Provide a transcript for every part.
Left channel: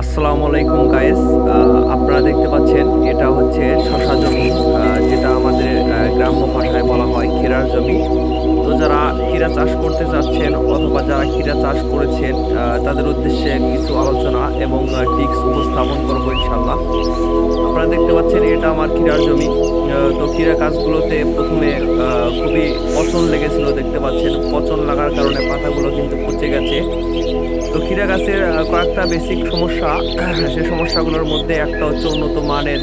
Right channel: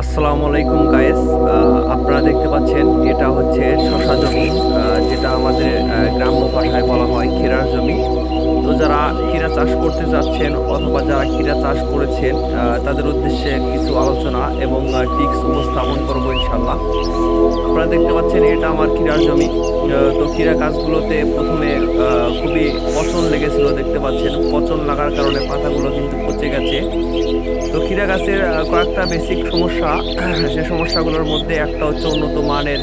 আসসালামু আলাইকুম গাইস। আপনারা দেখতে পাচ্ছেন এটা হচ্ছে শসা জমি, যেটা আমাদের গ্রাম্য ভাষায় বলা হয় ক্ষীরার জমি। তো যারা ক্ষীরা চাষ করতে চাচ্ছেন অথবা যারা ক্ষীরা চাষ করেছেন তাদের উদ্দেশ্যে কিছু আলোচনা এবং টিপস উপস্থাপন করবো ইনশাল্লাহ। আপনারা দেখতে পাচ্ছেন এটা আমার ক্ষীরার জমি। তো ক্ষীরা গাছগুলোতে প্রথমে খুবই পচন লেগেছিল, দেখতে পাচ্ছেন পচন লাগার কারণে পাতাগুলো কিন্তু পচে গেছে। তো ক্ষীরা গাছের কয়েকটা বেসিক সমস্যা, সে সমস্যাগুলোর মধ্যে একটা হচ্ছে উন্নত মানের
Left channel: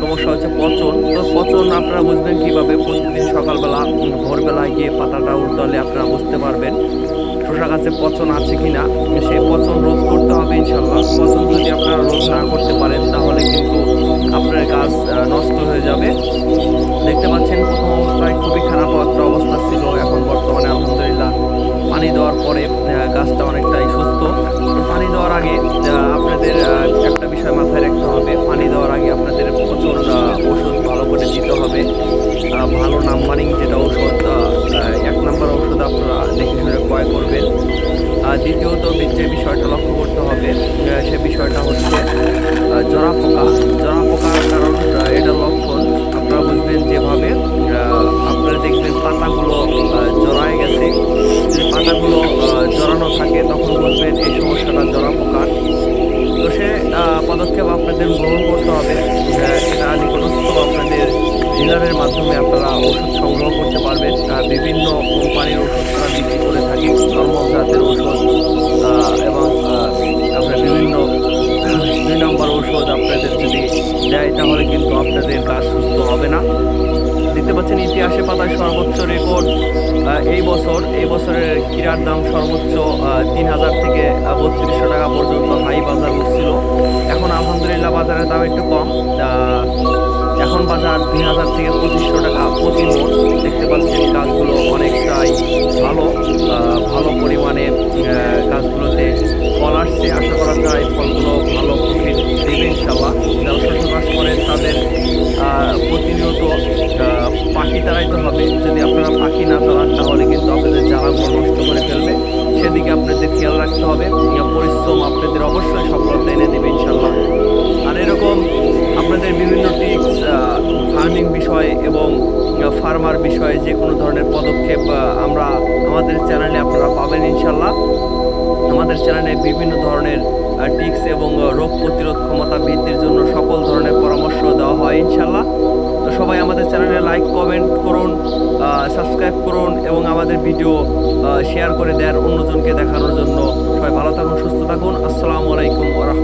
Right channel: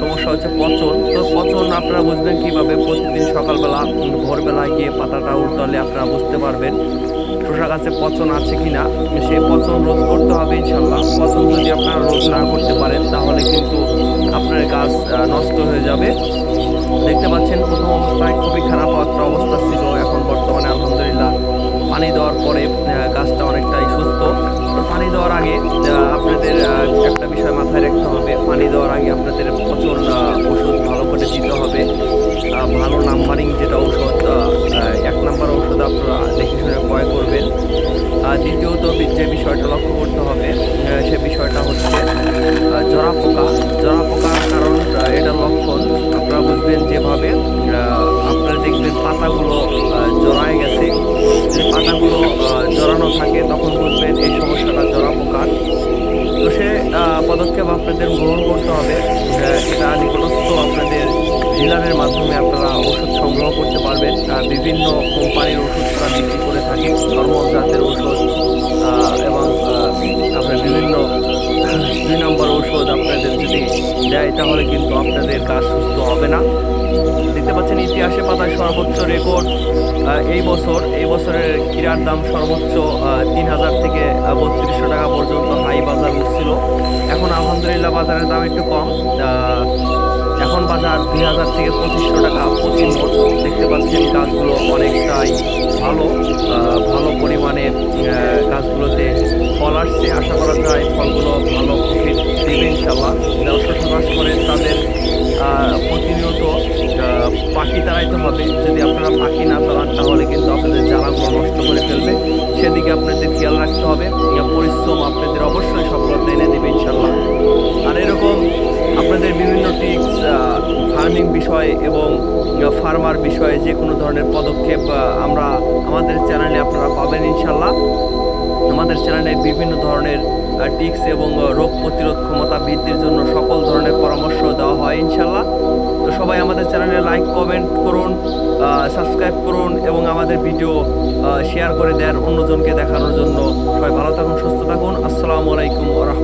সমস্যা হচ্ছে পচন। তো পচন আপনারা বুঝবেন কিভাবে? প্রতিদিন সকালবেলা ভোরবেলায় গিয়ে পাতাটা উল্টালে আপনারা বুঝতে পারবেন শসা গাছে পচন আছে কিনা। সেই পচন রোধ করতে হবে ইনশাল্লাহ। পচন যদি আপনারা রোধ না করতে পারেন তাহলে কিন্তু আপনার গাছ নষ্ট হয়ে যাবে। দেখতে পাচ্ছেন প্রথম অবস্থায় খুবই খারাপ একটা অবস্থা ছিল, এখন বর্তমানে আলহামদুলিল্লাহ পানি দেওয়ার পরে গাছটা অনেকটাই সুস্থ। তো পানি দেওয়ার আগে আপনাদের একটা বিষয় মাথায় রাখতে হবে, পানি দেওয়ার আগে আপনাদের পচন ওষুধ ভালো করে দিতে হবে। ভালো নাম্বারিং যেটা ঔষধ, 1 নাম্বার ঔষধ আপনারা দেখে শুনে ক্রয় করবেন। দ্বিতীয়ত যে বিষয়টা লক্ষ্য করতে হবে সে বিষয়টা হচ্ছে জরা পোকা। জরা পোকার কারণ এটার লক্ষণ আপনারা বুঝবেন যেভাবে আপনারা দেখবেন পাতাগুলো জড়ায় গেছে। যদি পাতাগুলো জড়ানো থাকে তখন বুঝবেন এই সমস্যাটা জরা পোকার। তো সে পদক্ষেপ আপনাদের গ্রহণ করতে হবে। এটা নিকটস্থ আপনাদের ডিলারের মাধ্যমে আপনারা ওষুধ সংগ্রহ করতে পারবেন। বিভিন্ন কোম্পানির ওষুধ তারা বিক্রি করে থাকে, নর্মাল জাতের ঔষধ এবং আপনার বিভিন্ন 2 নাম্বার ঔষধ আপনাদের যদি দেয় তাহলে কিন্তু আপনাদের গাছ সুস্থ হবে না। দেখতে পাচ্ছেন ইতিহাসে পাতায় সর্বোচ্চ রেকর্ড এই বছরের ক্ষীরার দাম সর্বোচ্চ 3,000 থেকে 3200 টাকা পর্যন্ত হাই বাজার উঠছিল। এখন আলহামদুলিল্লাহ বাজারের দাম একটু কম, এখন বাজার 2,000 থেকে 2500 টাকা প্রতি মণ। দেখতে পাচ্ছেন গাছগুলো অনেকটাই ভালো পরিমাণে গাছগুলোতে ফল আসছে। আশা করা যায় ফলগুলো ভালো প্রফিট দেবে ইনশাল্লাহ। যারা শসা চাষ করেন তাদের প্রতিনিয়ত পাখি তাড়াইতে হবে। যদি আপনারা পাখি না তাড়ান তাহলে কিন্তু আপনাদের জ্বালাগুলো নষ্ট করে ফেলবে, সেদিকে আপনাদের খেয়াল রাখতে হবে। পরিশ্রম আপনাদের অবশ্যই সফলতা এনে দেবে ইনশাল্লাহ। আর এরকম আপনাদের বিভিন্ন টিপস, ফার্মিং বিষয় এবং ফার্মার বিষয়ে যে কোনো ধরনের পদক্ষেপ আমাদের চ্যানেলে আপনারা পাবেন ইনশাল্লাহ। আমাদের চ্যানেলে বিভিন্ন ধরনের টিপস এবং রোগ প্রতিরোধ ক্ষমতা বৃদ্ধির জন্য সকল ধরনের পরামর্শ দেওয়া হয় ইনশাল্লাহ। তো সবাই আমাদের চ্যানেলে লাইক কমেন্ট করুন, সাবস্ক্রাইব করুন এবং আমাদের ভিডিও শেয়ার করে দেন অন্যজনকে দেখানোর জন্য। সবাই ভালো থাকুন, সুস্থ থাকুন। আসসালামু আলাইকুম ওয়া রাহমাতুল্লাহ।